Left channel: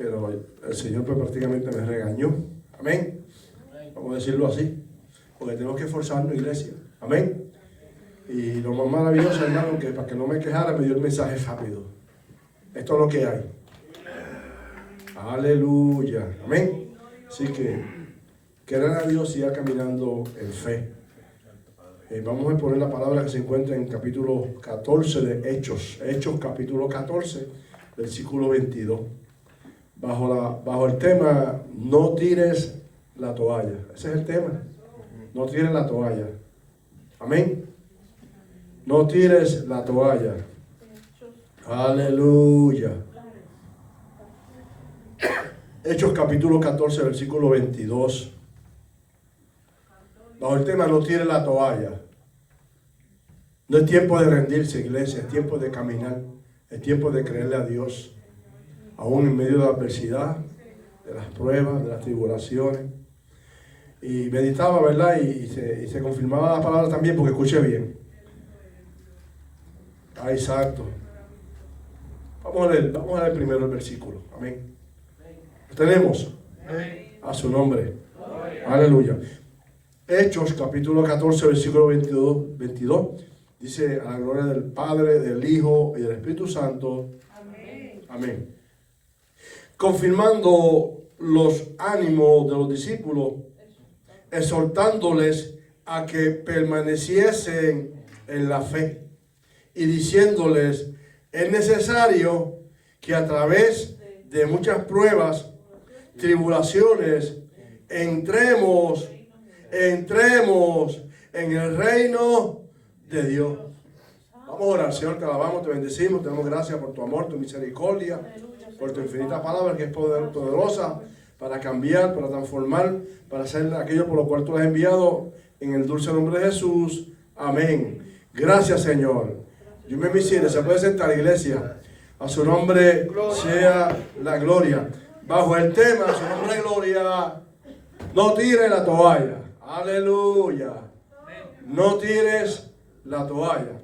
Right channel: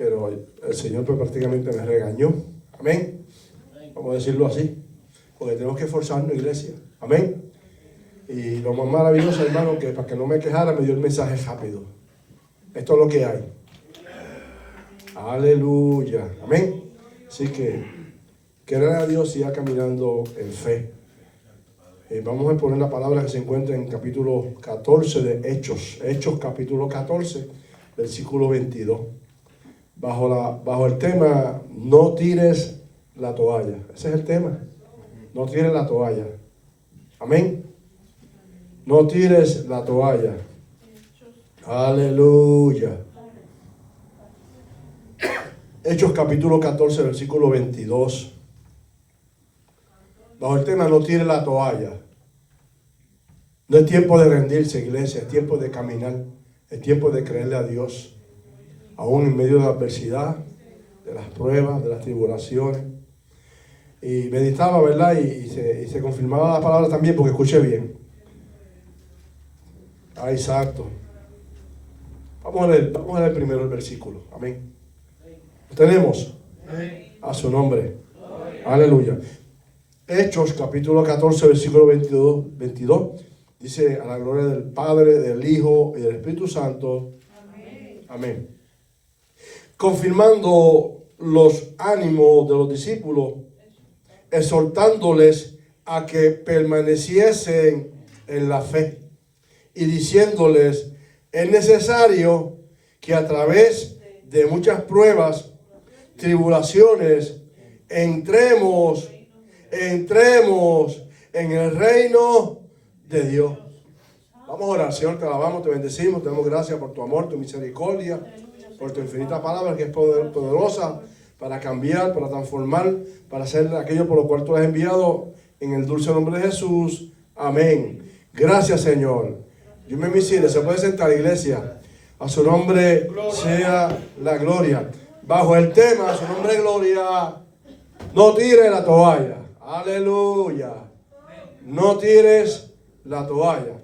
pero el Señor pues prácticamente me regañó. Amén. Vamos a decirlo así, porque tenemos que esforzarnos, iglesia. Amén. Y lo más maravilloso, hermano, que para que no me quejara, me dio el mensaje rápido. Esto es lo que hay. Aleluya. Amén. Así que querer a Dios y siga caminando en fe. Vamos a poner la palabra que se encuentra en capítulo 14 de Hechos. Hechos capítulo 14, versículo 22. Bajo el tema, no tires la toalla. Ese es el tema. No tires la toalla. Amén. No tires la toalla. Aleluya. Hechos capítulo 14, versículo 22. Bajo el tema, no tires la toalla. No es tiempo de rendirse, iglesia. Es tiempo de caminar. Es tiempo de creerle a Dios. Aún en medio de la adversidad, de las pruebas, de las tribulaciones. Y meditaba, ¿verdad? Y se confirmaba la palabra también, porque escuché bien. Ah, exacto. Vamos a leer primero el versículo. Amén. Tenemos a su nombre. Aleluya. Hechos, capítulo 14, versículo 22. Dice, a la gloria del Padre, del Hijo y del Espíritu Santo. Amén. Confirmando los ánimos de los discípulos, exhortándoles a que permaneciesen en la fe y diciéndoles, es necesario que a través de muchas pruebas, tribulaciones, entremos en el reino de Dios. Vamos a orar. Señor, te alabamos, te bendecimos, te damos gracias por tu amor, tu misericordia, por tu infinita palabra que es poderosa para cambiar, para transformar, para hacer aquello por lo cual tú has enviado, en el dulce nombre de Jesús. Amén. Gracias, Señor. Dios me misire. Se puede sentar, iglesia. A su nombre sea la gloria. Bajo el tema, a su nombre gloria, no tires la toalla. Aleluya. No tires la toalla.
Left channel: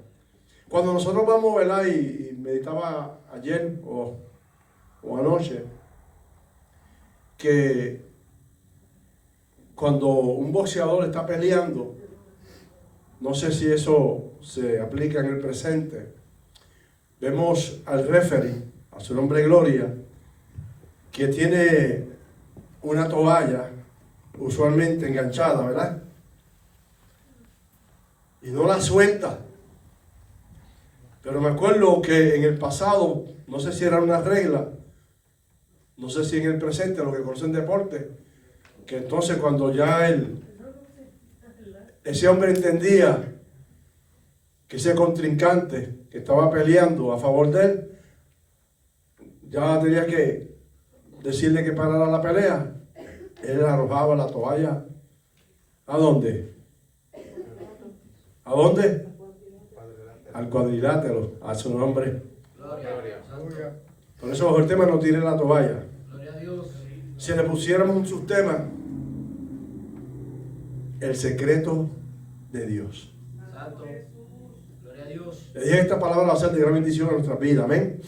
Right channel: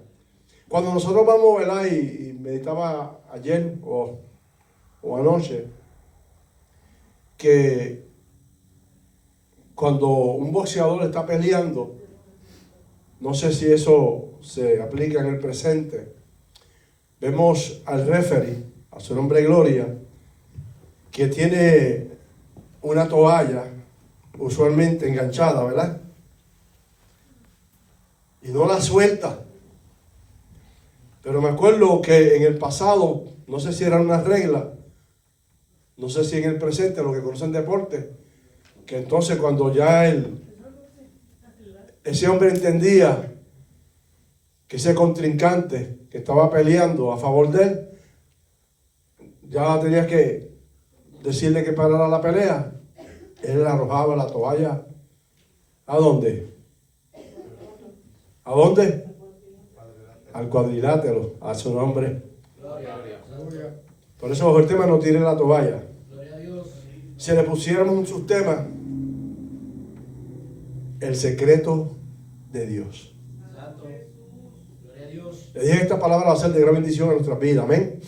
Cuando nosotros vamos, ¿verdad? Y meditaba ayer o anoche, que cuando un boxeador está peleando, no sé si eso se aplica en el presente, vemos al referee, a su nombre gloria, que tiene una toalla usualmente enganchada, ¿verdad? Y no la suelta. Pero me acuerdo que en el pasado, no sé si era una regla, no sé si en el presente, lo que conocen deporte, que entonces cuando ya ese hombre entendía que ese contrincante que estaba peleando a favor de él, ya tenía que decirle que parara la pelea, él le arrojaba la toalla. ¿A dónde? ¿A dónde? Al cuadrilátero, a su nombre. Por eso bajo el tema no tire la toalla. Si le pusiéramos un subtema, el secreto de Dios. Le dije, esta palabra va a ser de gran bendición a nuestra vida, amén.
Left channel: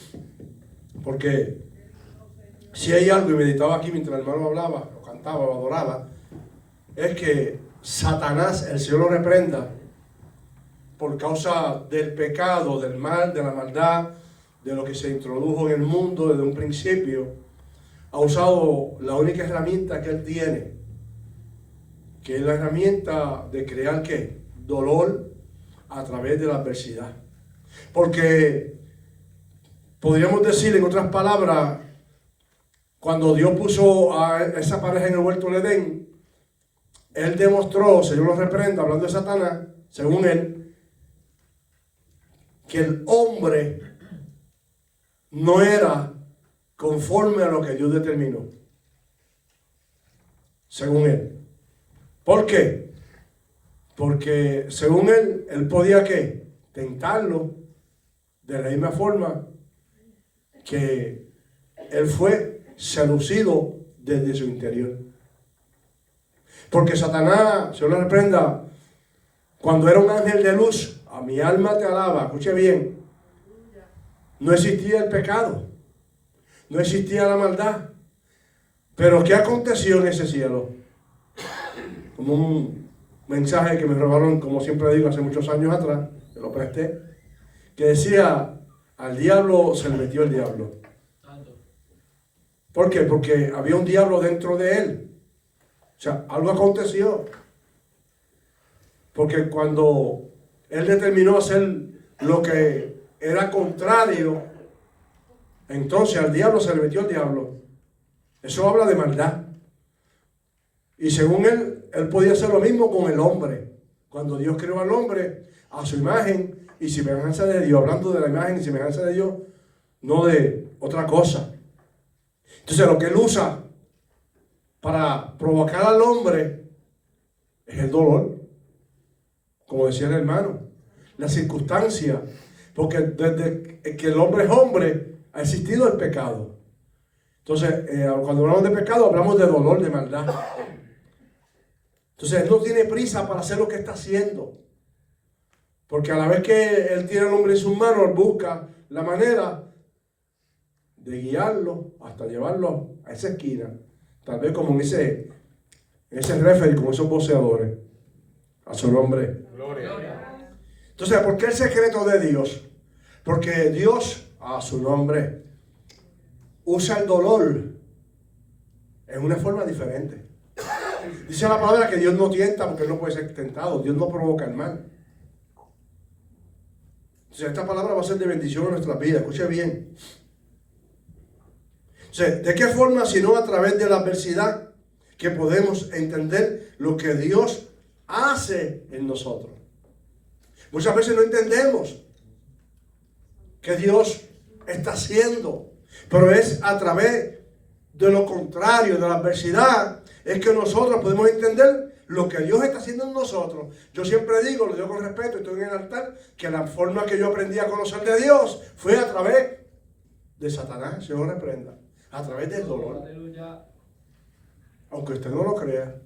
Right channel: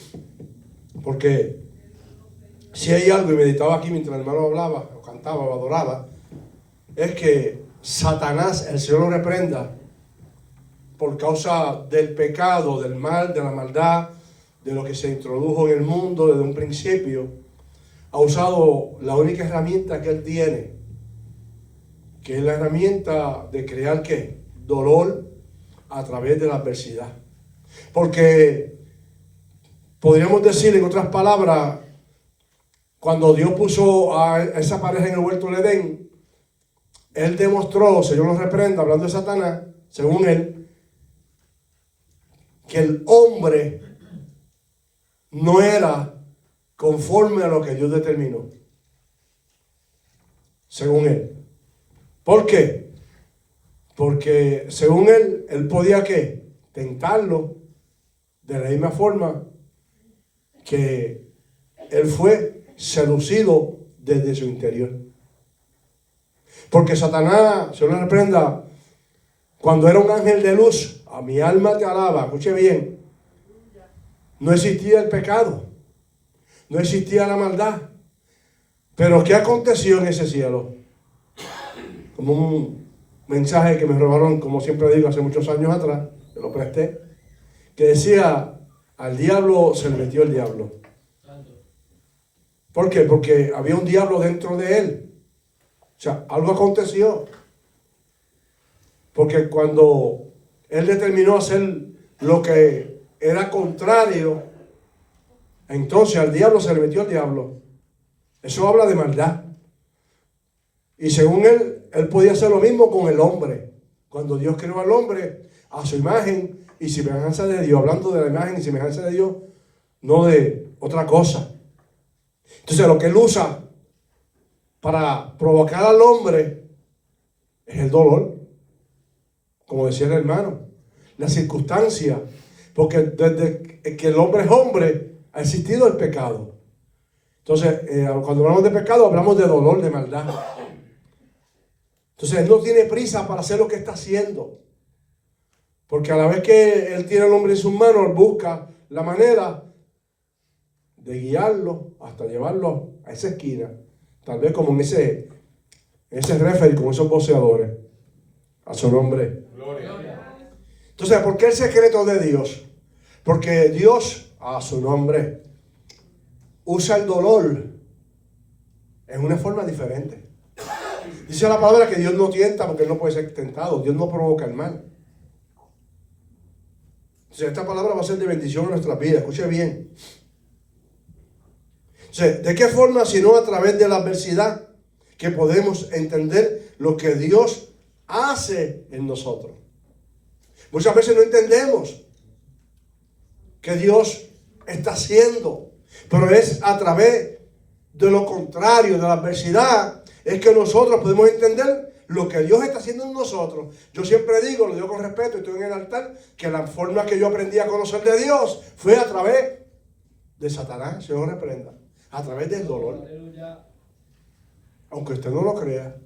Porque si hay algo, y meditaba aquí mientras el hermano hablaba, o cantaba, o adoraba, es que Satanás, el Señor lo reprenda, por causa del pecado, del mal, de la maldad, de lo que se introdujo en el mundo desde un principio, ha usado la única herramienta que él tiene, que es la herramienta de crear ¿qué? Dolor a través de la adversidad. Porque podríamos decir, en otras palabras, cuando Dios puso a esa pareja en el huerto del Edén, él demostró, Señor lo reprenda, hablando de Satanás, según él, que el hombre no era conforme a lo que Dios determinó, según él. ¿Por qué? Porque según él podía ¿qué? Tentarlo de la misma forma que él fue seducido desde su interior. Porque Satanás, Señor lo reprenda, cuando era un ángel de luz, a mi alma te alaba, escuche bien, no existía el pecado, no existía la maldad, Pero ¿qué aconteció en ese cielo? Como un mensaje que me robaron, como siempre digo, hace muchos años atrás, que lo presté, que decía, al diablo se le metió el diablo. ¿Por qué? Porque había un diablo dentro de él. O sea, algo aconteció. Porque cuando él determinó hacer lo que era contrario, entonces al diablo se le metió el diablo. Eso habla de maldad. Y según él podía hacer lo mismo con el hombre. Cuando Dios creó al hombre a su imagen y semejanza de Dios, hablando de la imagen y semejanza de Dios, no de otra cosa. Entonces lo que él usa para provocar al hombre es el dolor, como decía el hermano, la circunstancia, porque desde que el hombre es hombre ha existido el pecado. Entonces cuando hablamos de pecado hablamos de dolor, de maldad. Entonces él no tiene prisa para hacer lo que está haciendo, porque a la vez que él tiene al hombre en sus manos, él busca la manera de guiarlo hasta llevarlo a esa esquina, tal vez como en ese referee, como esos boxeadores, a su nombre. Gloria. Entonces, ¿por qué el secreto de Dios? Porque Dios, a su nombre, usa el dolor en una forma diferente. Dice la palabra que Dios no tienta porque Él no puede ser tentado. Dios no provoca el mal. Entonces, esta palabra va a ser de bendición en nuestra vida. Escuche bien. O sea, ¿de qué forma? Sino a través de la adversidad que podemos entender lo que Dios hace en nosotros. Muchas veces no entendemos que Dios está haciendo, pero es a través de lo contrario, de la adversidad, es que nosotros podemos entender lo que Dios está haciendo en nosotros. Yo siempre digo, lo digo con respeto, estoy en el altar, que la forma que yo aprendí a conocer de Dios fue a través de Satanás, Señor reprenda, a través del dolor. Aleluya. Aunque usted no lo crea,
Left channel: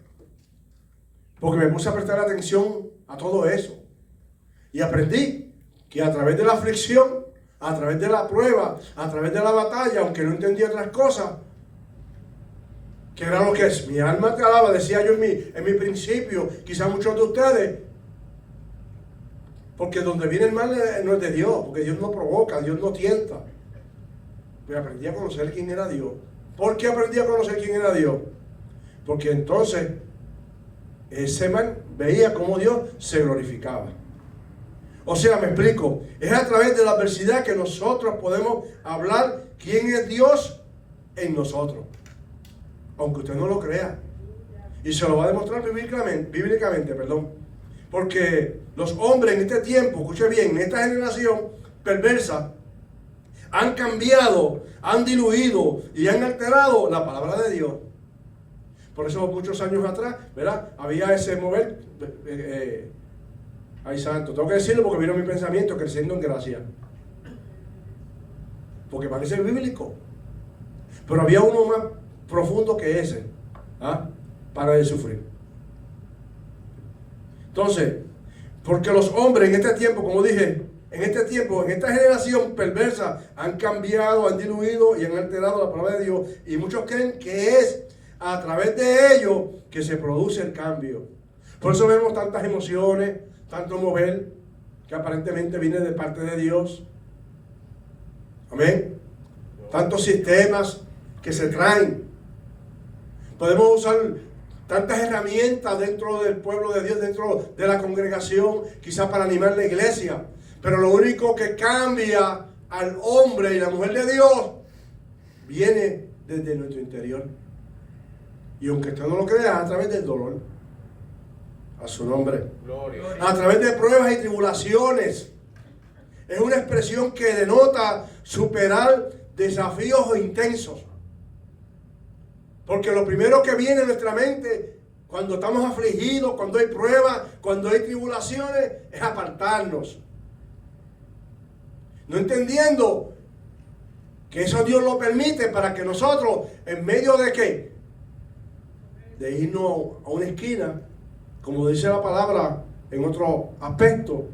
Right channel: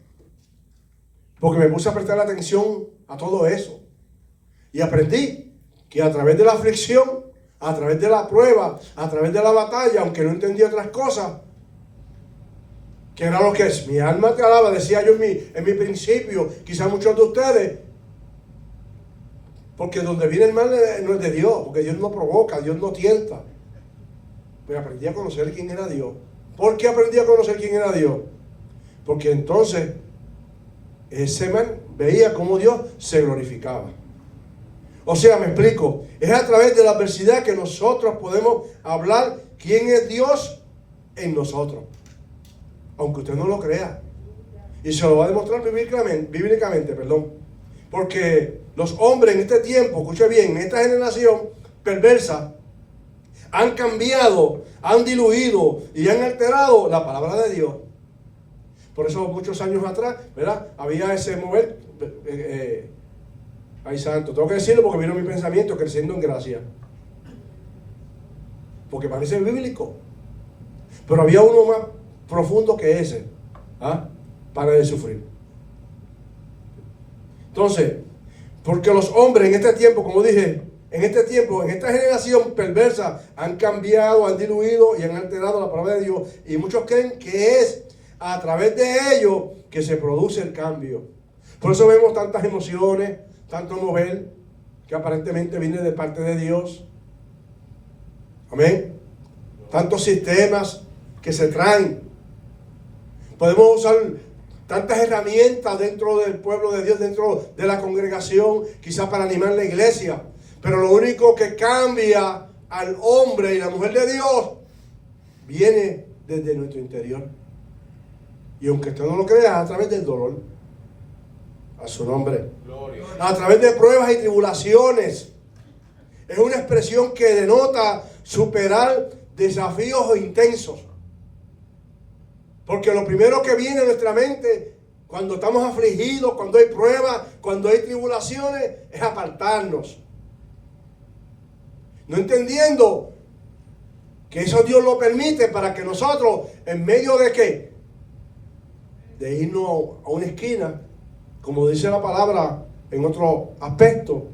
porque me puse a prestar atención a todo eso y aprendí que a través de la aflicción, a través de la prueba, a través de la batalla, aunque no entendía otras cosas, que era lo que es, mi alma te alaba, decía yo en mi principio, quizás muchos de ustedes, porque donde viene el mal no es de Dios, porque Dios no provoca, Dios no tienta. Pues aprendí a conocer quién era Dios. ¿Por qué aprendí a conocer quién era Dios? Porque entonces ese man veía cómo Dios se glorificaba. O sea, me explico, es a través de la adversidad que nosotros podemos hablar quién es Dios en nosotros, aunque usted no lo crea. Y se lo va a demostrar bíblicamente, porque los hombres en este tiempo, escuche bien, en esta generación perversa, han cambiado, han diluido y han alterado la palabra de Dios. Por eso muchos años atrás, ¿verdad? Había ese mover, ay santo, tengo que decirlo porque vino mi pensamiento creciendo en gracia. Porque parece bíblico. Pero había uno más profundo que ese. Para de sufrir. Entonces, porque los hombres en este tiempo, como dije, en esta generación perversa, han cambiado, han diluido y han alterado la palabra de Dios. Y muchos creen que es a través de ello que se produce el cambio. Por eso vemos tantas emociones, tanto mover que aparentemente viene de parte de Dios. Amén. Tantos sistemas que se traen. Podemos usar tantas herramientas dentro del pueblo de Dios, dentro de la congregación, quizás para animar la iglesia. Pero lo único que cambia al hombre y la mujer de Dios viene desde nuestro interior. Y aunque usted no lo crea, a través del dolor. A su nombre. Gloria. A través de pruebas y tribulaciones. Es una expresión que denota superar desafíos intensos. Porque lo primero que viene a nuestra mente cuando estamos afligidos, cuando hay pruebas, cuando hay tribulaciones, es apartarnos. No entendiendo que eso Dios lo permite para que nosotros, en medio de qué, de irnos a una esquina, como dice la palabra en otro aspecto,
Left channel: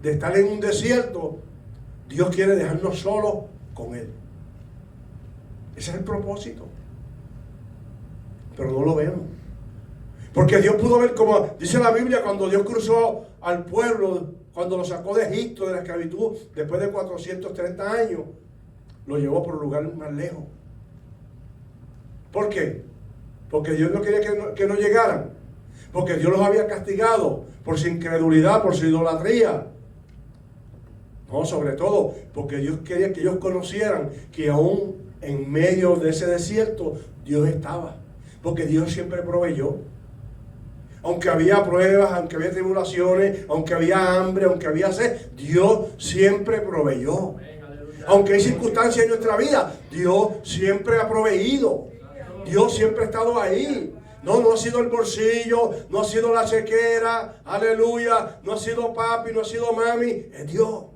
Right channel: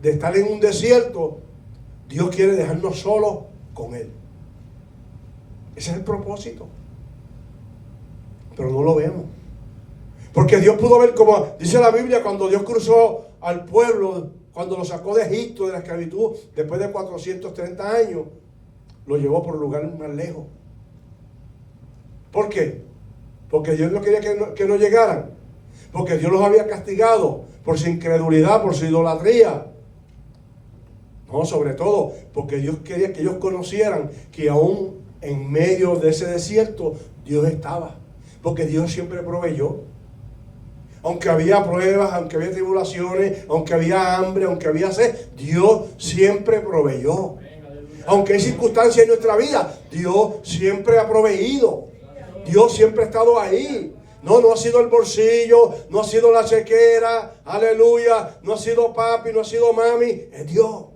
de estar en un desierto, Dios quiere dejarnos solos con Él. Ese es el propósito. pero no lo vemos. Porque Dios pudo ver, como dice la Biblia, cuando Dios cruzó al pueblo, cuando lo sacó de Egipto, de la esclavitud, después de 430 años, lo llevó por un lugar más lejos. ¿Por qué? Porque Dios no quería que no llegaran. Porque Dios los había castigado por su incredulidad, por su idolatría. No, sobre todo porque Dios quería que ellos conocieran que aún en medio de ese desierto Dios estaba. Porque Dios siempre proveyó. Aunque había pruebas, aunque había tribulaciones, aunque había hambre, aunque había sed, Dios siempre proveyó. Aunque hay circunstancias en nuestra vida, Dios siempre ha proveído. Dios siempre ha estado ahí. No ha sido el bolsillo, no ha sido la chequera, aleluya, no ha sido papi, no ha sido mami, es Dios.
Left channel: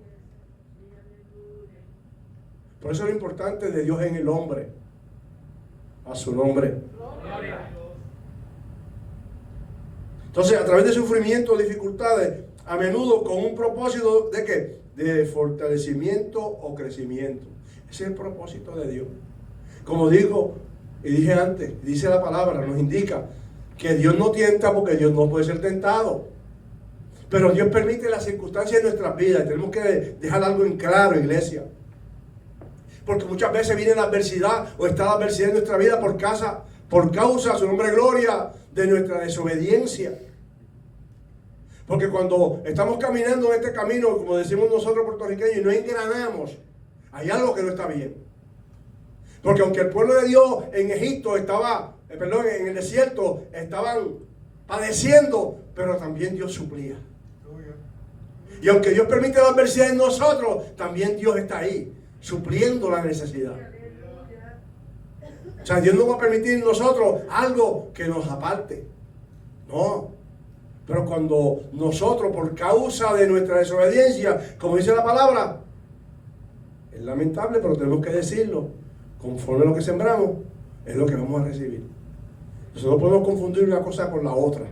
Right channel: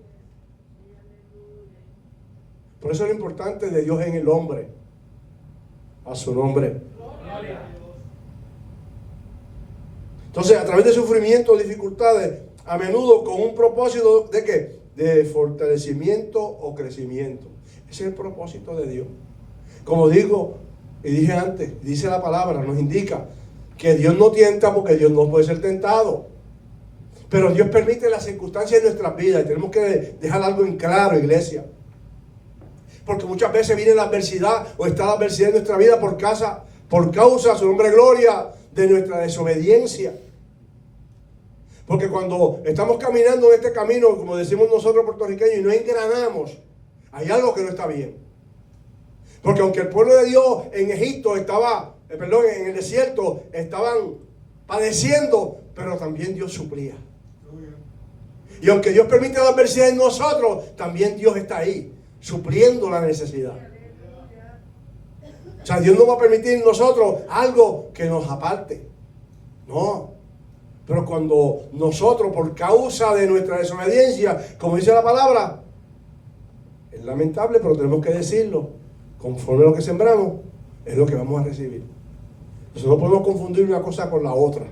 Por eso es lo importante de Dios en el hombre. A su nombre. Entonces, a través de sufrimiento, dificultades, a menudo con un propósito de ¿qué? De fortalecimiento o crecimiento. Ese es el propósito de Dios. Como digo y dije antes, dice la palabra, nos indica que Dios no tienta porque Dios no puede ser tentado. Pero Dios permite las circunstancias de nuestras vidas. Y tenemos que dejar algo en claro, iglesia. Porque muchas veces viene la adversidad o está la adversidad en nuestra vida por causa, su nombre gloria, de nuestra desobediencia. Porque cuando estamos caminando en este camino, como decimos nosotros puertorriqueños, y no engranamos, hay algo que no está bien. Porque aunque el pueblo de Dios en Egipto en el desierto, estaban padeciendo, pero también Dios suplía. Y aunque Dios permite la adversidad en nosotros, también Dios está ahí, supliendo la necesidad. O sea, Dios no va a permitir en nosotros algo que nos aparte. No. Pero cuando nosotros, por causa de nuestra desobediencia, como dice la palabra, es lamentable, pero tenemos que decirlo, conforme a lo que sembramos, es lo que vamos a recibir. Entonces no podemos confundir una cosa con la otra.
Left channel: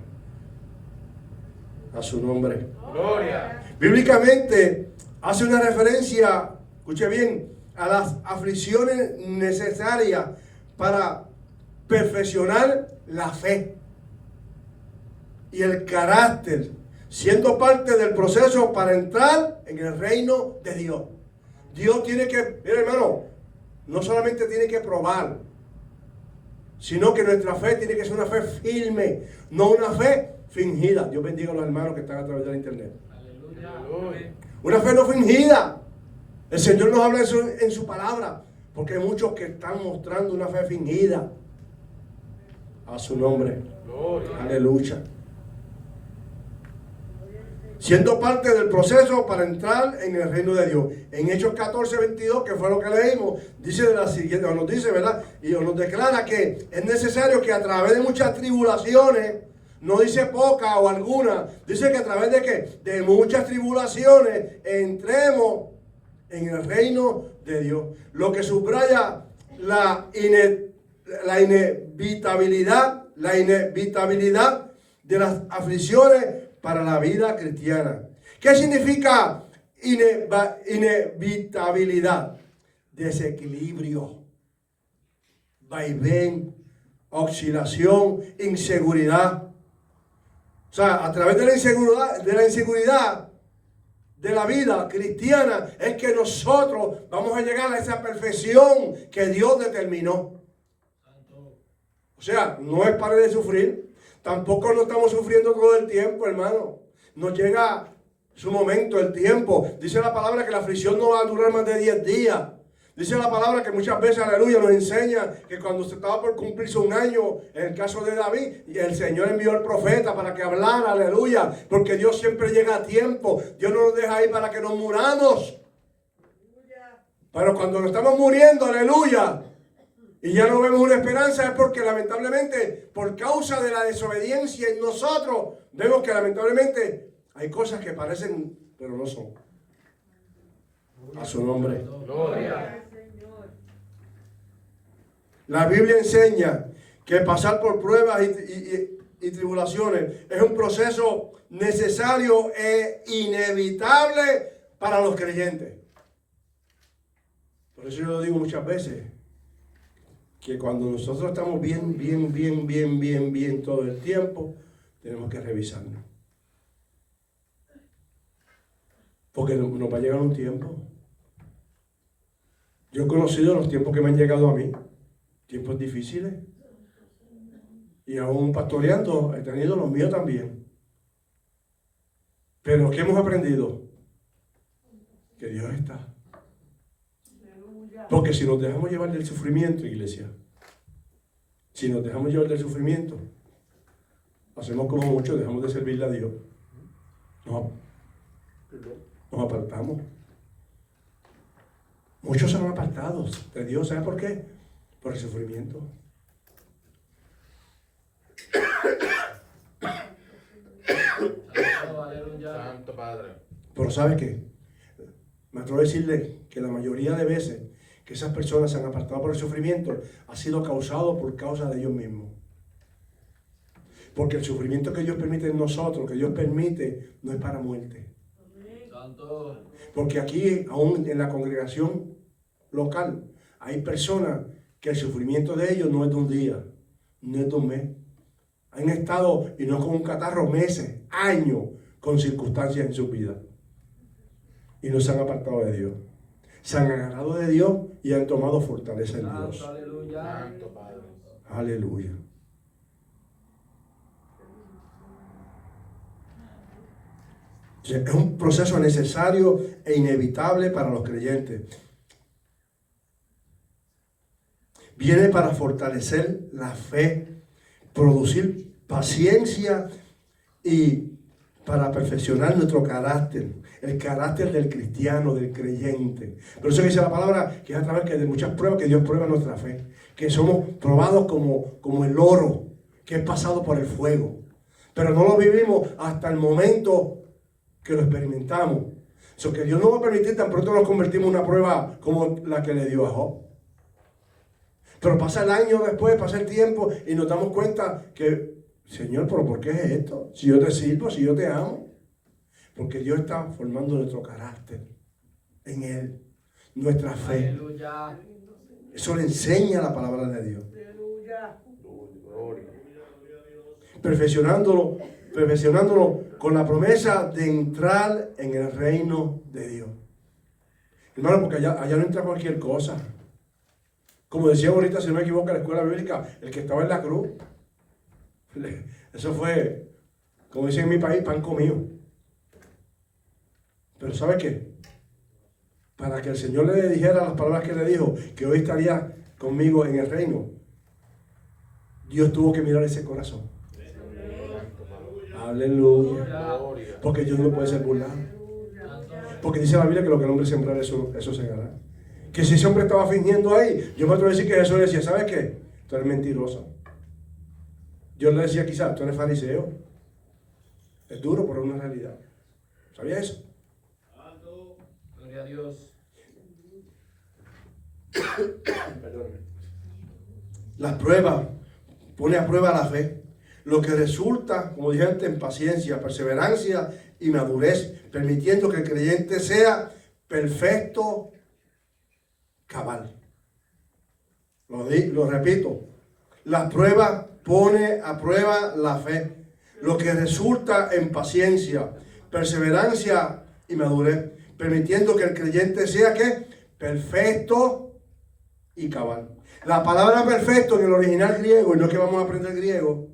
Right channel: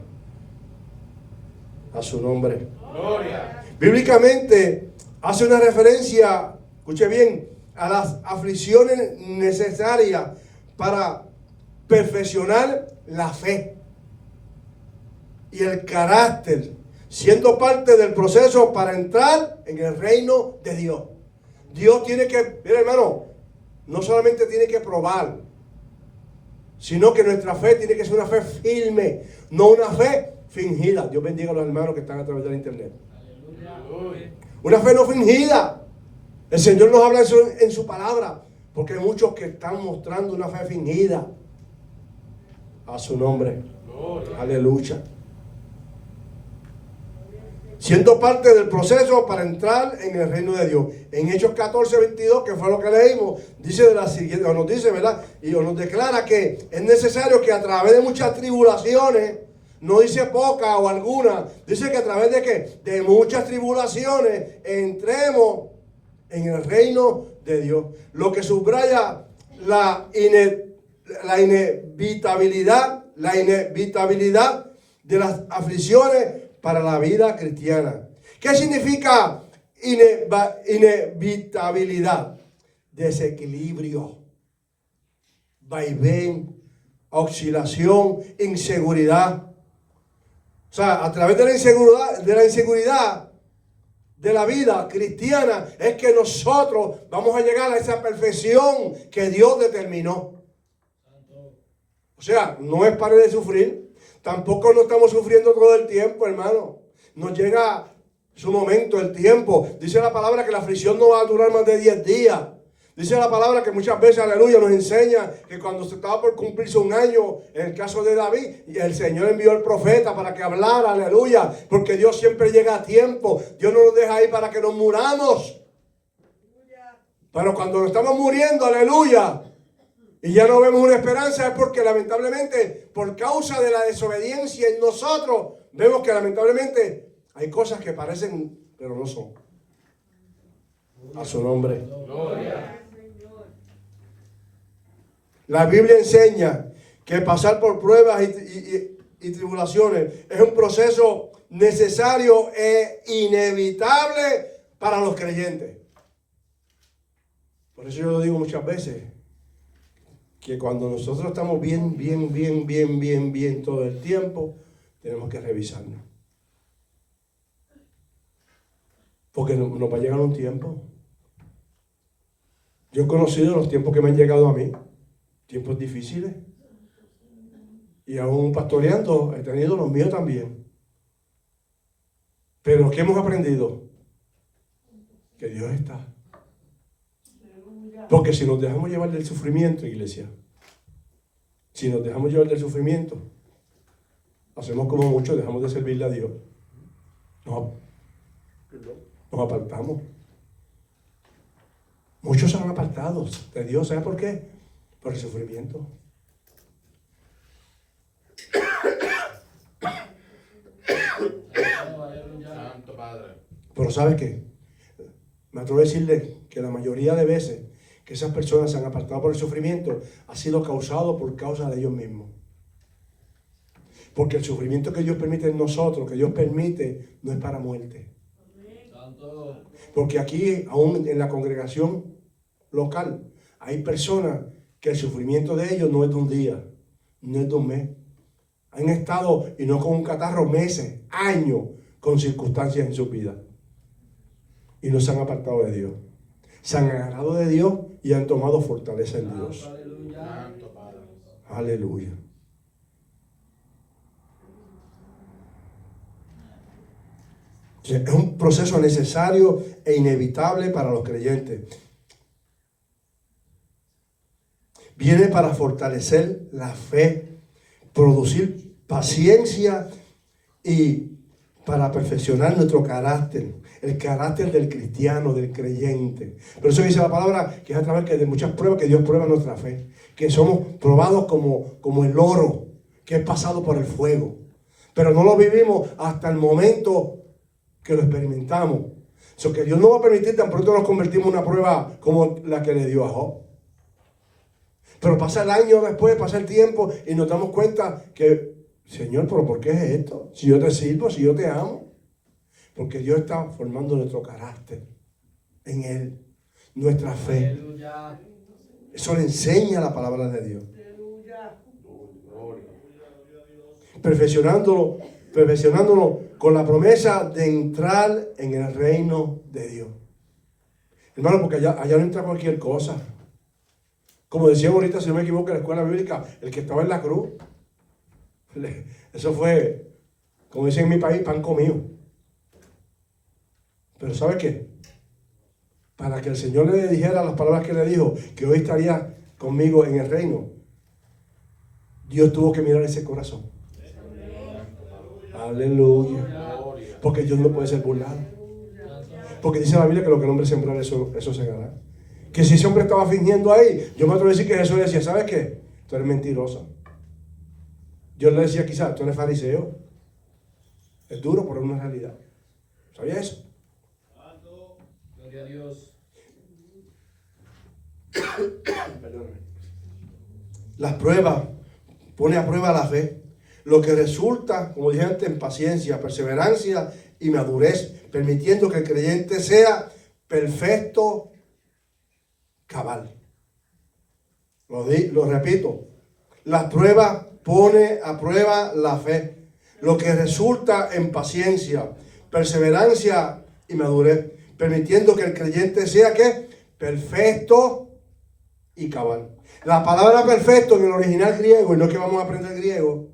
A su nombre. Gloria. Bíblicamente hace una referencia, escuche bien, a las aflicciones necesarias para perfeccionar la fe y el carácter, siendo parte del proceso para entrar en el reino de Dios. Dios tiene que, mira hermano, no solamente tiene que probar, sino que nuestra fe tiene que ser una fe firme, no una fe fingida. Dios bendiga a los hermanos que están a través de la internet. Aleluya. Una fe no fingida. El Señor nos habla eso en su palabra, porque hay muchos que están mostrando una fe fingida. A su nombre. Aleluya. Siendo parte del proceso para entrar en el reino de Dios. En Hechos 14:22, que fue lo que leímos, dice de la siguiente, o nos dice, ¿verdad? Y nos declara que es necesario que a través de muchas tribulaciones, no dice poca o alguna, dice que a través de ¿qué? De muchas tribulaciones entremos en el reino de Dios. Lo que subraya la inevitabilidad de las aflicciones para la vida cristiana. ¿Qué significa inevitabilidad? Desequilibrio, vaivén, oscilación, inseguridad. O sea, a través de la inseguridad de la vida cristiana es que nosotros vamos a llegar a esa perfección que Dios determinó. O sea, no es para de sufrir. Tampoco no estamos sufriendo todo el tiempo, hermano. Nos llega su momento, el tiempo. Dice la palabra que la aflicción no va a durar más de 10 días. Dice la palabra que muchas veces, aleluya, nos enseña que cuando se estaba por cumplirse un año, en el caso de David, el Señor envió al profeta para que hablara, aleluya, porque Dios siempre llega a tiempo. Dios no nos deja ahí para que nos muramos. Pero cuando nos estamos muriendo, aleluya, y ya no vemos una esperanza, es porque lamentablemente, por causa de la desobediencia en nosotros, vemos que lamentablemente hay cosas que parecen, pero no son. A su nombre. Gloria. La Biblia enseña que pasar por pruebas y tribulaciones es un proceso necesario e inevitable para los creyentes. Por eso yo lo digo muchas veces. que cuando nosotros estamos bien todo el tiempo, tenemos que revisarnos. Porque nos va a llegar un tiempo. Yo he conocido los tiempos que me han llegado a mí, tiempos difíciles. Y aún pastoreando he tenido los míos también. Pero ¿qué hemos aprendido? Que Dios está. Porque si nos dejamos llevar del sufrimiento, iglesia, si nos dejamos llevar del sufrimiento, hacemos como muchos, dejamos de servirle a Dios. Nos apartamos. Muchos se han apartado de Dios. ¿Sabes por qué? Por el sufrimiento. Santo Padre. Pero ¿sabes qué? Me atrevo a decirle que la mayoría de veces que esas personas se han apartado por el sufrimiento ha sido causado por causa de ellos mismos. Porque el sufrimiento que Dios permite en nosotros, que Dios permite, no es para muerte. Porque aquí, aún en la congregación local, hay personas que el sufrimiento de ellos no es de un día, no es de un mes. Han estado, y no con un catarro, meses, años, con circunstancias en su vida. Y no se han apartado de Dios. Se han agarrado de Dios y han tomado fortaleza en Dios. Aleluya. Aleluya. Es un proceso necesario e inevitable para los creyentes. Viene para fortalecer la fe, producir paciencia y para perfeccionar nuestro carácter, el carácter del cristiano, del creyente. Por eso dice la palabra que es a través de muchas pruebas que Dios prueba nuestra fe, que somos probados como el oro que es pasado por el fuego, pero no lo vivimos hasta el momento que lo experimentamos. Eso que Dios no va a permitir tan pronto nos convertimos en una prueba como la que le dio a Job. Pero pasa el año después, pasa el tiempo y nos damos cuenta que, Señor, ¿pero por qué es esto? Si yo te sirvo, si yo te amo. Porque Dios está formando nuestro carácter en Él, nuestra fe. Aleluya. Eso le enseña la palabra de Dios. Perfeccionándolo con la promesa de entrar en el reino de Dios. Hermano, porque allá no entra cualquier cosa. Como decía ahorita, si no me equivoco, en la escuela bíblica, el que estaba en la cruz, eso fue, como dicen en mi país, pan comido. Pero ¿sabe qué? Para que el Señor le dijera las palabras que le dijo, que hoy estaría conmigo en el reino, Dios tuvo que mirar ese corazón. Aleluya. Porque Dios no puede ser burlado. Porque dice la Biblia que lo que el hombre sembrar, eso segará. Que si ese hombre estaba fingiendo ahí, yo me atrevo a decir que Jesús le decía, ¿sabes qué? Tú eres mentiroso. Dios le decía quizás, tú eres fariseo. Es duro, pero es una realidad. ¿Sabía eso? Gloria a Dios. Perdóname. Las pruebas pone a prueba la fe, lo que resulta, como dije antes, en paciencia, perseverancia y madurez, permitiendo que el creyente sea perfecto, cabal. Lo repito, la prueba pone a prueba la fe, lo que resulta en paciencia, perseverancia y madurez, permitiendo que el creyente sea ¿qué? Perfecto y cabal. La palabra perfecto en el original griego, y no que vamos a aprender griego,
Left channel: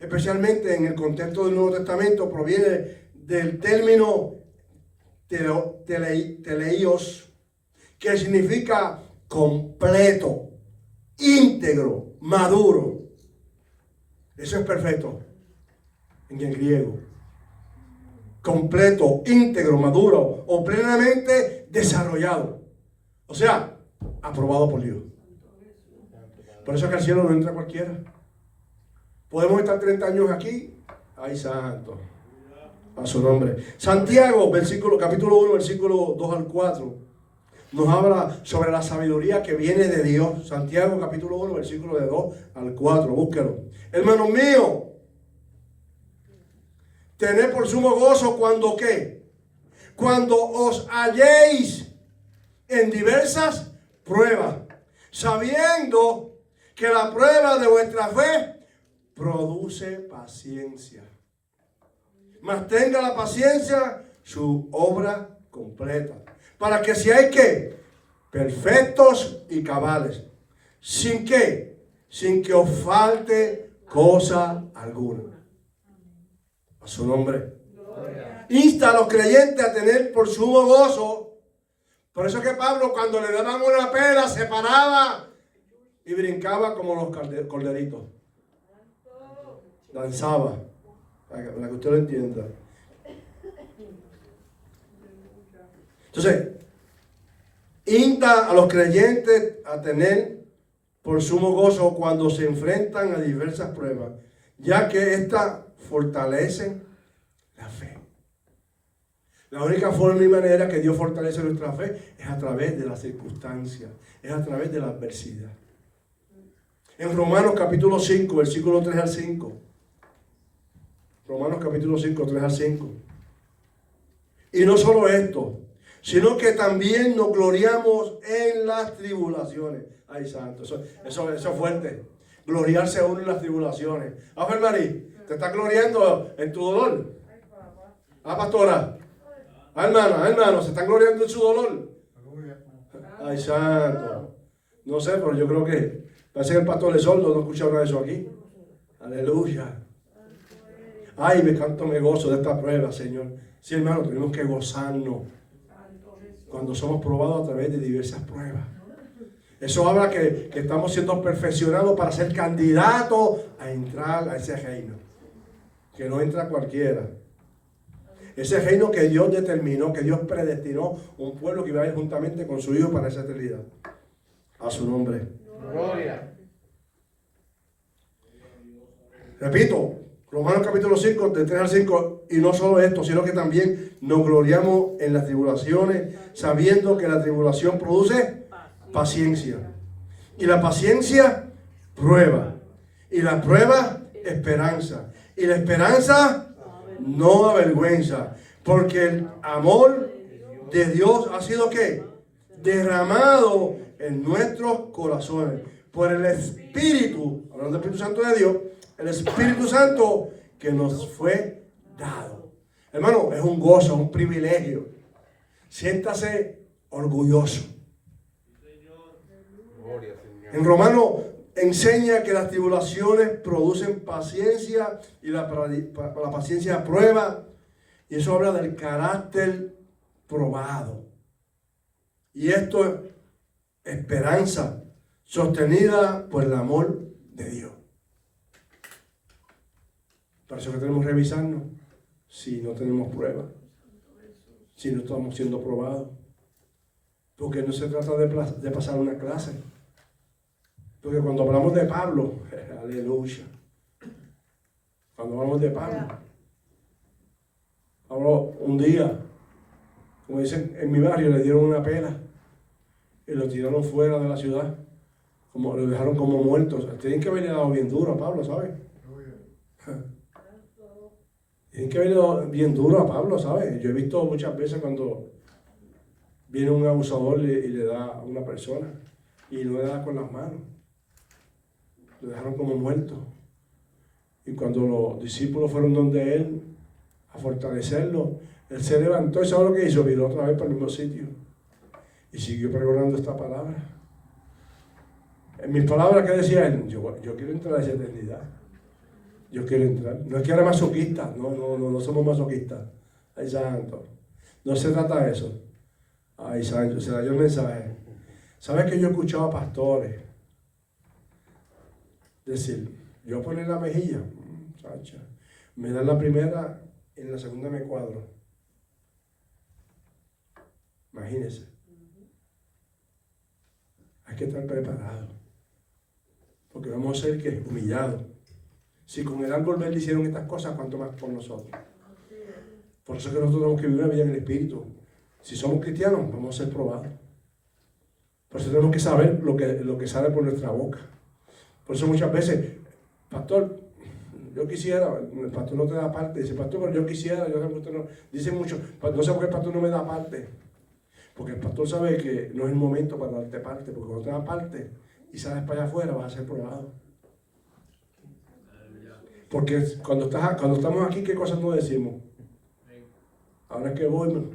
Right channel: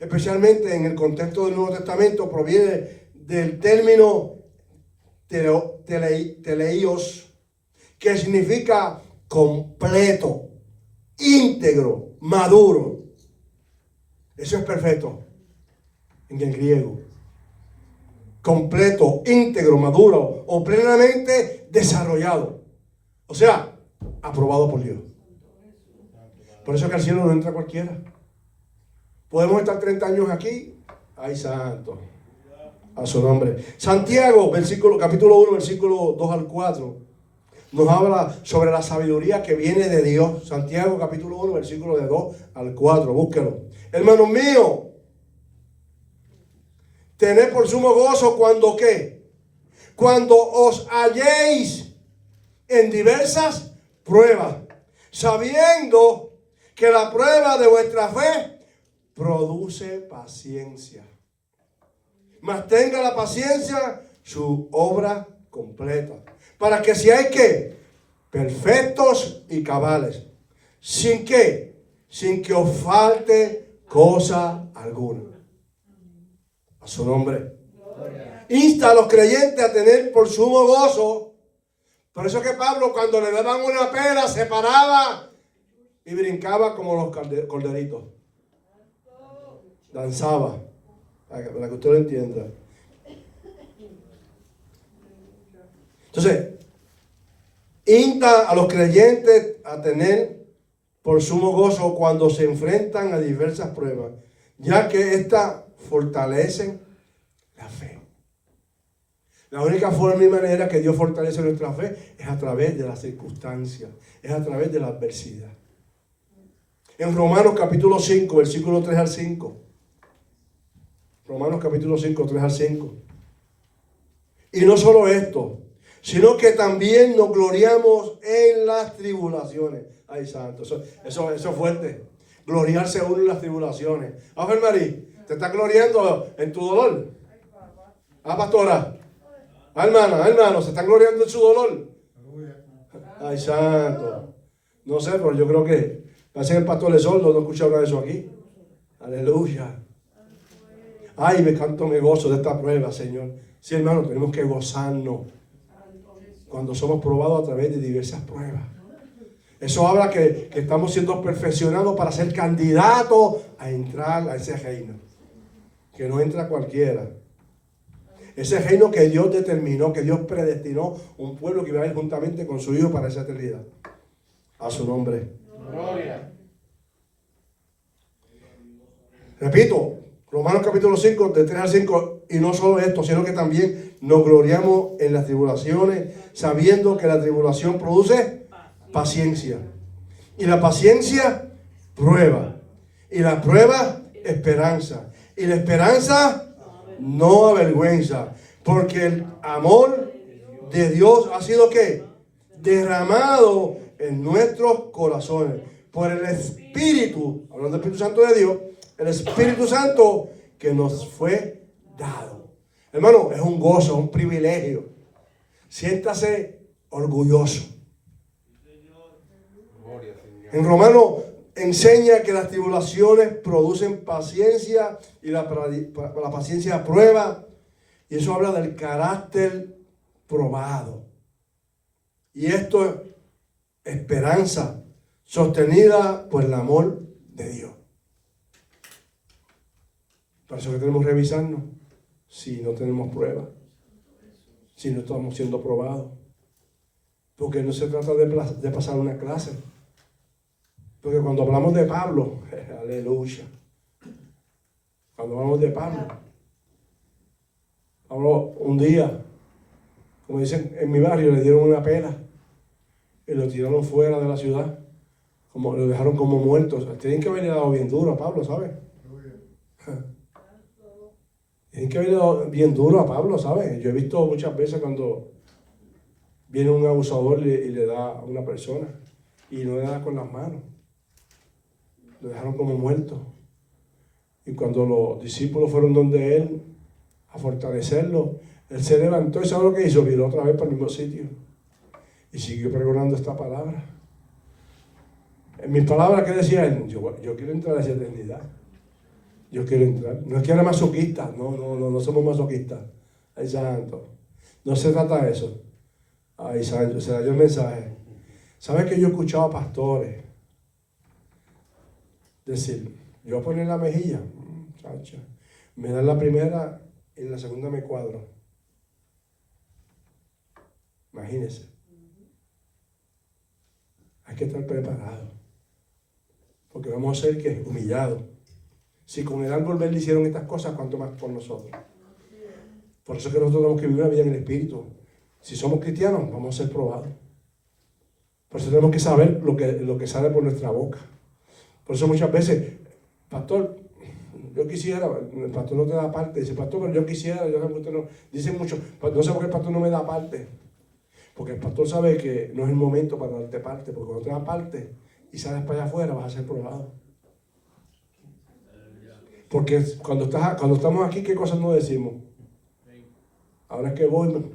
especialmente en el contexto del Nuevo Testamento, proviene del término teleios, que significa completo, íntegro, maduro. Eso es perfecto en el griego. Completo, íntegro, maduro o plenamente desarrollado. O sea, aprobado por Dios. Por eso que al cielo no entra cualquiera. Podemos estar 30 años aquí. ¡Ay, santo! A su nombre. Santiago, capítulo 1, versículo 2 al 4. Nos habla sobre la sabiduría que viene de Dios. Santiago, capítulo 1, versículo de 2 al 4. Búsquelo. Hermanos míos, tened por sumo gozo cuando ¿qué? Cuando os halléis en diversas pruebas, sabiendo que la prueba de vuestra fe produce paciencia. Mas tenga la paciencia su obra completa, para que seáis ¿qué? Perfectos y cabales, sin que os falte cosa alguna. A su nombre. Insta a los creyentes a tener por sumo gozo. Por eso que Pablo, cuando le daban una pena, se paraba y brincaba como los corderitos. Danzaba, para que usted lo entienda. Entonces, insta a los creyentes a tener por sumo gozo cuando se enfrentan a diversas pruebas, ya que éstas fortalecen la fe. La única forma y manera que Dios fortalece nuestra fe es a través de las circunstancias, es a través de la adversidad. En Romanos capítulo 5, versículo 3 al 5. Romanos capítulo 5, 3 al 5. Y no solo esto, sino que también nos gloriamos en las tribulaciones. Ay, santo, eso es fuerte. Gloriarse a uno en las tribulaciones. A ver, Marí, ¿te estás gloriando en tu dolor? Ah, pastora. Ah, hermano, ¿se están gloriando en su dolor? Ay, santo. No sé, pero yo creo que parece que el pastor es sordo, no escucha nada de eso aquí. Aleluya. Ay, me gozo de esta prueba, Señor. Sí, hermano, tenemos que gozarnos cuando somos probados a través de diversas pruebas. Eso habla que estamos siendo perfeccionados para ser candidatos a entrar a ese reino. Que no entra cualquiera. Ese reino que Dios determinó, que Dios predestinó, un pueblo que iba a ir juntamente con su Hijo para esa eternidad. A su nombre. Gloria. Repito, Romanos capítulo 5, de 3 al 5, y no solo esto, sino que también nos gloriamos en las tribulaciones, sabiendo que la tribulación produce paciencia. Y la paciencia, prueba. Y la prueba, esperanza. Y la esperanza, no avergüenza. Porque el amor de Dios ha sido ¿qué? Derramado en nuestros corazones. Por el Espíritu, hablando del Espíritu Santo de Dios, el Espíritu Santo que nos fue dado. Hermano, es un gozo, un privilegio. Siéntase orgulloso. En Romanos enseña que las tribulaciones producen paciencia y la paciencia prueba. Y eso habla del carácter probado. Y esto es esperanza sostenida por el amor de Dios. Por eso que tenemos que revisarnos si no tenemos pruebas, si no estamos siendo probados. Porque no se trata de pasar una clase. Porque cuando hablamos de Pablo, aleluya. Cuando hablamos de Pablo, un día, como dicen en mi barrio, le dieron una pela y lo tiraron fuera de la ciudad. Lo dejaron como muertos. Tienen que haberle dado bien duro a Pablo, ¿sabes? Tienen que haberle dado bien duro a Pablo, ¿sabes? Yo he visto muchas veces cuando viene un abusador y le da a una persona y no le da con las manos. Lo dejaron como muerto. Y cuando los discípulos fueron donde él a fortalecerlo, él se levantó y ¿sabe lo que hizo? Viró otra vez para el mismo sitio y siguió pregonando esta palabra. En mis palabras, ¿qué decía él? Yo quiero entrar a esa eternidad. Yo quiero entrar. No es que era masoquista. No somos masoquistas. Ay, santo. No se trata de eso. Ay, santo. Se le dio el mensaje. ¿Sabes que yo he escuchado a pastores decir, yo voy a poner la mejilla, chacha, me dan la primera, en la segunda me cuadro? Imagínense. Hay que estar preparado, porque vamos a ser que humillados. Si con el árbol verde hicieron estas cosas, ¿cuánto más con nosotros? Por eso es que nosotros tenemos que vivir una vida en el Espíritu. Si somos cristianos, vamos a ser probados. Por eso tenemos que saber lo que sale por nuestra boca. Por eso muchas veces, pastor, yo quisiera, el pastor no te da parte. Dice, pastor, pero yo quisiera, dice mucho, no sé por qué el pastor no me da parte. Porque el pastor sabe que no es el momento para darte parte, porque cuando te da parte y sales para allá afuera, vas a ser probado. Porque cuando estamos aquí, ¿qué cosas no decimos? Ahora es que voy,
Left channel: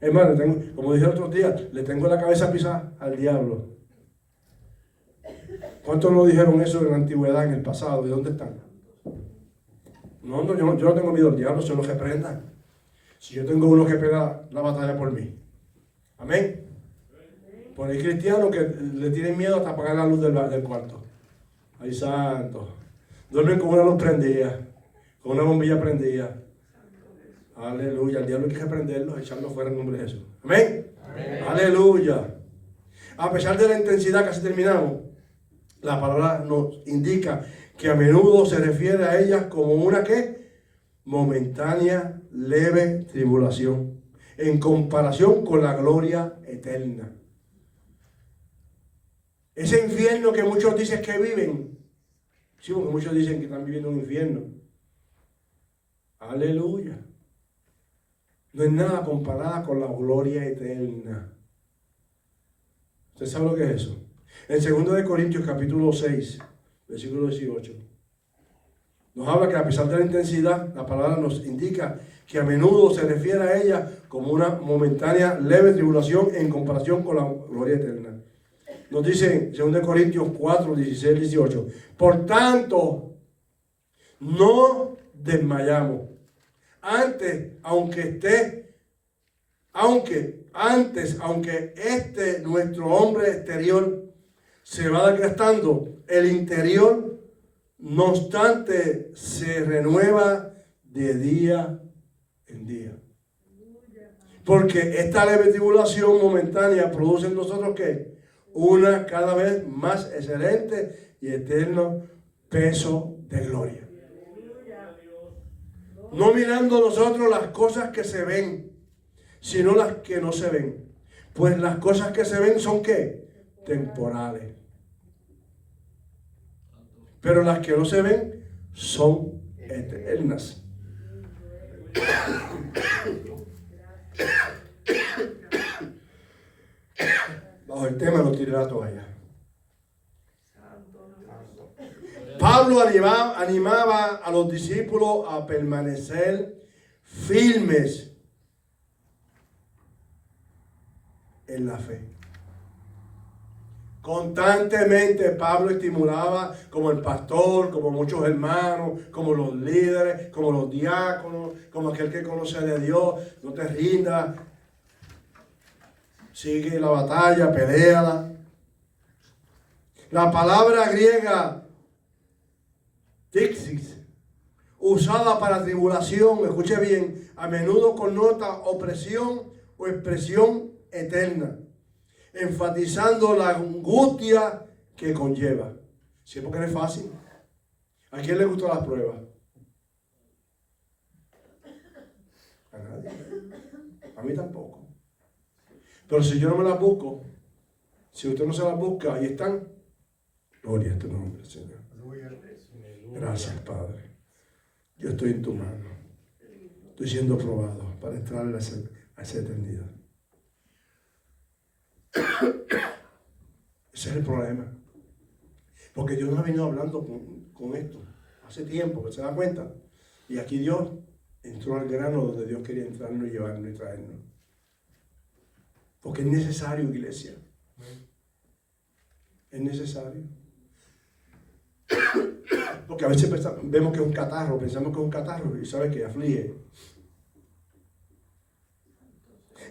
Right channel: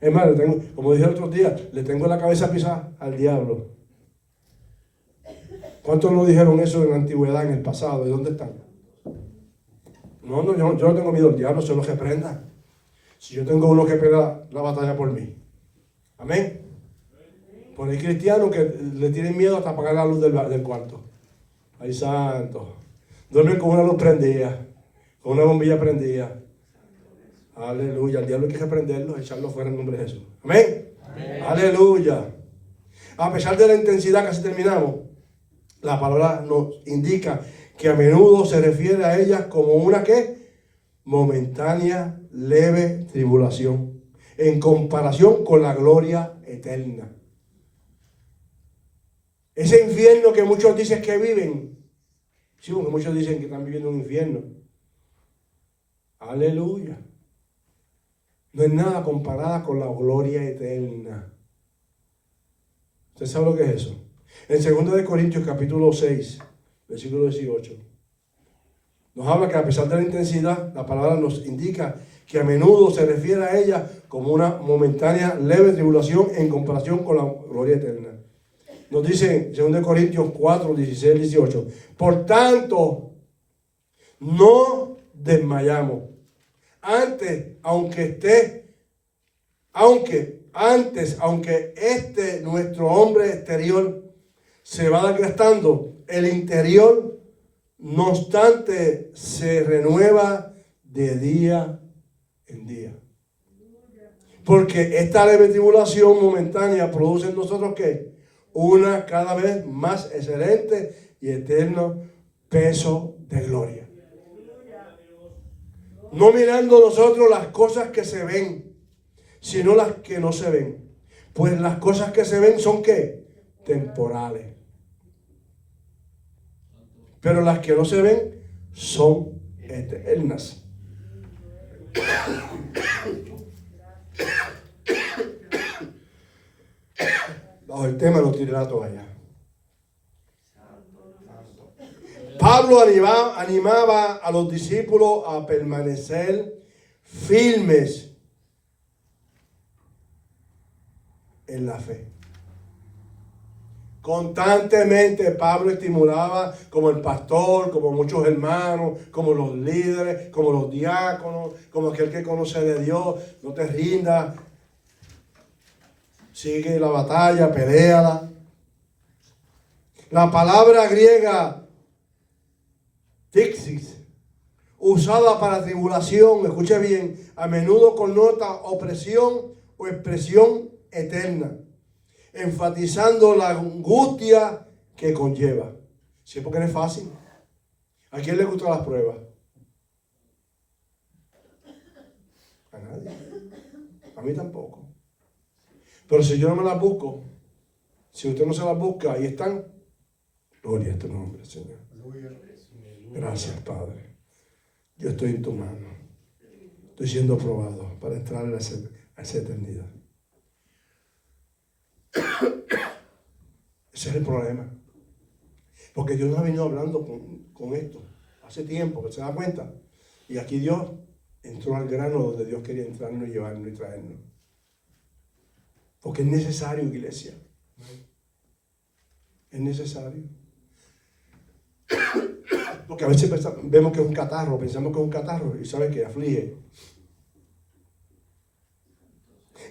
hermano, como dije el otro día, le tengo la cabeza pisada al diablo. ¿Cuántos no dijeron eso en la antigüedad, en el pasado? ¿De dónde están? No, yo no tengo miedo al diablo, sino que prenda. Si yo tengo uno que prenda la batalla por mí. Amén. Por hay cristianos que le tienen miedo hasta apagar la luz del cuarto. Ay, santo. Duermen con una luz prendida, con una bombilla prendida. Aleluya. El diablo hay que reprenderlo, echarlo fuera en nombre de Jesús. Amén. Amén. Aleluya. A pesar de la intensidad, casi terminamos, la palabra nos indica que a menudo se refiere a ellas como una ¿qué? Momentánea, leve tribulación, en comparación con la gloria eterna. Ese infierno que muchos dicen que viven, sí, porque muchos dicen que están viviendo un infierno. Aleluya. No es nada comparada con la gloria eterna. ¿Usted sabe lo que es eso? En 2 Corintios capítulo 6, versículo 18, nos habla que a pesar de la intensidad, la palabra nos indica que a menudo se refiere a ella como una momentánea, leve tribulación en comparación con la gloria eterna. Nos dice en 2 Corintios 4, 16, 18, por tanto, no desmayamos. Aunque nuestro hombre exterior se va desgastando, el interior, no obstante, se renueva de día en día. Porque esta leve tribulación momentánea produce en nosotros ¿qué? Una cada vez más excelente y eterno peso de gloria. No mirando nosotros las cosas que se ven, sino las que no se ven. Pues las cosas que se ven son ¿qué? Temporales. Pero las que no se ven son eternas. Bajo el tema no tiré la toalla. Pablo animaba a los discípulos a permanecer firmes en la fe. Constantemente Pablo estimulaba como el pastor, como muchos hermanos, como los líderes, como los diáconos, como aquel que conoce de Dios. No te rindas, sigue la batalla, peléala. La palabra griega Tixis, usada para tribulación, escuche bien, a menudo connota opresión o expresión eterna, enfatizando la angustia que conlleva. Sí, porque no es fácil. ¿A quién le gustan las pruebas? A nadie. A mí tampoco. Pero si yo no me las busco, si usted no se las busca, ahí están. Gloria a tu nombre, Señor. Gracias, Padre. Yo estoy en tu mano. Estoy siendo probado para entrar a esa eternidad. Ese es el problema. Porque Dios nos ha venido hablando con esto hace tiempo, que se da cuenta. Y aquí Dios entró al grano donde Dios quería entrarnos y llevarnos y traernos. Porque es necesario, iglesia. Es necesario. Porque a veces vemos que es un catarro, pensamos que es un catarro y sabe que aflige.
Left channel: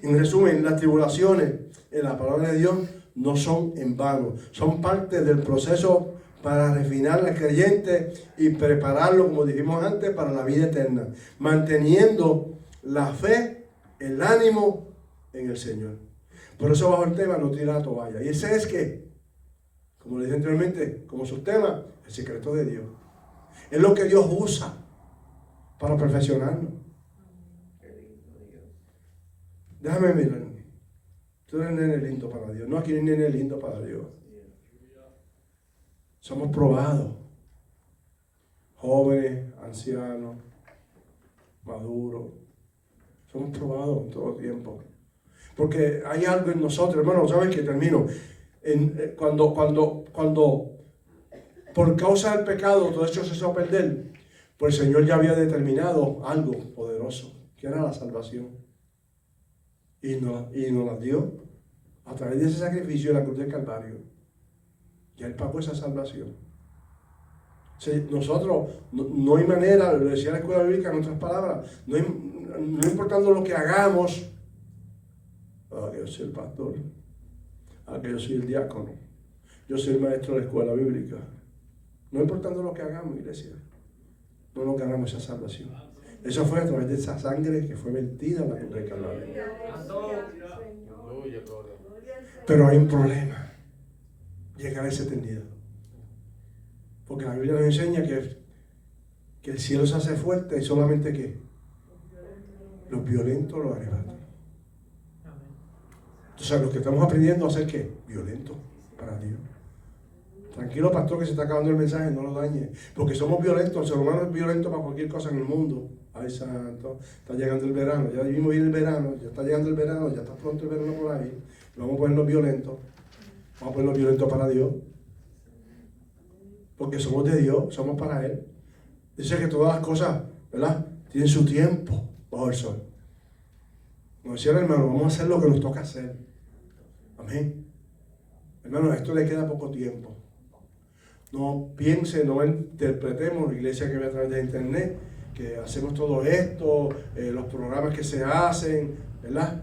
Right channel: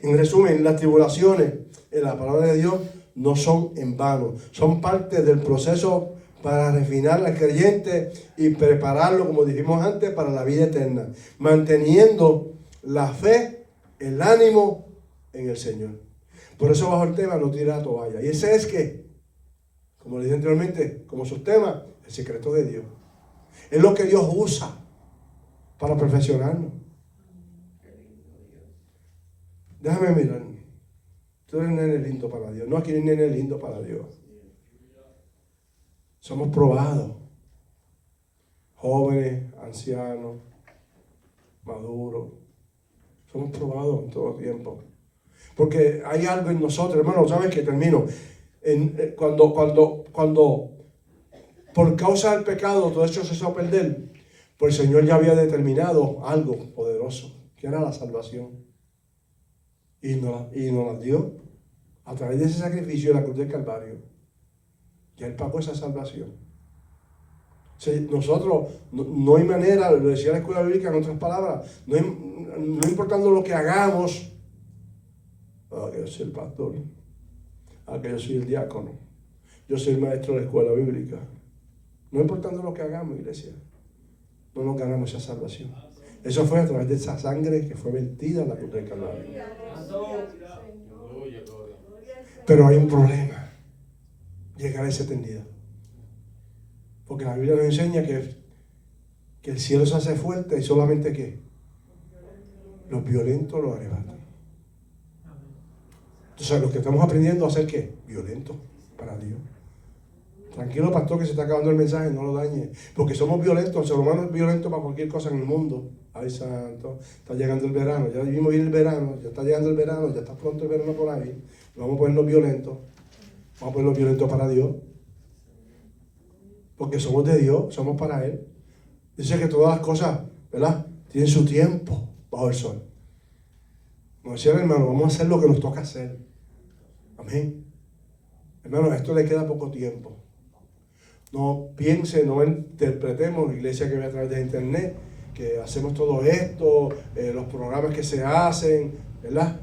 En resumen, las tribulaciones en la palabra de Dios no son en vano, son parte del proceso para refinar al creyente y prepararlo, como dijimos antes, para la vida eterna, manteniendo la fe, el ánimo en el Señor. Por eso bajo el tema no tira la toalla. Y ese es que, como le dije anteriormente, como subtema, el secreto de Dios. Es lo que Dios usa para perfeccionarnos. Déjame mirar. Tú eres nene lindo para Dios. No, aquí no hay nene lindo para Dios. Somos probados. Jóvenes, ancianos, maduros. Somos probados en todo tiempo. Porque hay algo en nosotros, hermano, ¿sabes qué? Termino. Cuando cuando por causa del pecado todo esto se echó a perder, pues el Señor ya había determinado algo poderoso, que era la salvación. Y nos la dio a través de ese sacrificio de la cruz del Calvario. Ya Él pagó esa salvación. O sea, nosotros, no hay manera, lo decía la escuela bíblica en otras palabras, no importando lo que hagamos, que yo soy el pastor, que yo soy el diácono, yo soy el maestro de la escuela bíblica, no importando lo que hagamos, iglesia, no nos ganamos esa salvación. Eso fue a través de esa sangre que fue vertida en la cruz del Calvario. Pero hay un problema, llegar a esa eternidad. Porque la Biblia nos enseña que el cielo se hace fuerte y solamente que los violentos lo arrebatan. Entonces, los que estamos aprendiendo a ser ¿qué? Violentos para Dios. Tranquilo, pastor, que se está acabando el mensaje, no lo dañe. Porque somos violentos, el ser humano es violento para cualquier cosa en el mundo. Ay, santo, está llegando el verano, ya vimos ir el verano, ya está llegando el verano, ya está pronto el verano por ahí. Vamos a ponerlos violentos. Vamos a ponerlos violentos para Dios. Porque somos de Dios, somos para Él. Dice que todas las cosas, ¿verdad?, tienen su tiempo bajo el sol. Como decía el hermano, vamos a hacer lo que nos toca hacer. Amén. Hermano, a esto le queda poco tiempo. No piense, no interpretemos la iglesia que ve a través de internet, que hacemos todo esto, los programas que se hacen, ¿verdad?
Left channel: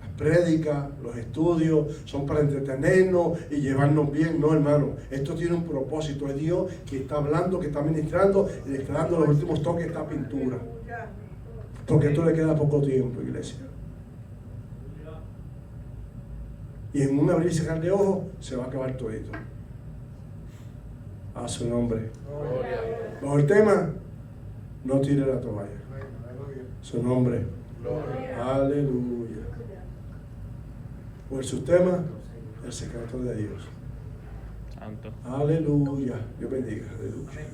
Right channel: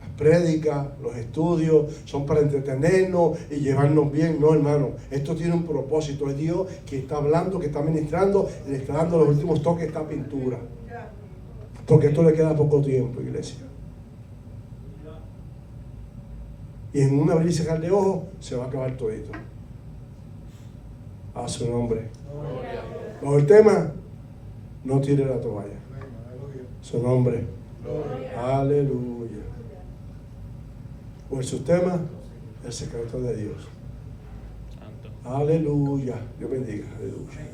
Las prédicas, los estudios, son para entretenernos y llevarnos bien. No, hermano, esto tiene un propósito. Es Dios que está hablando, que está ministrando y le está dando los últimos toques a esta pintura. Porque esto le queda poco tiempo, iglesia. Y en un abrir y cerrar de ojos se va a acabar todo esto. A su nombre. Bajo el tema, no tire la toalla. Su nombre. Aleluya. Por su tema, el secreto de Dios. Aleluya. Dios bendiga. Aleluya.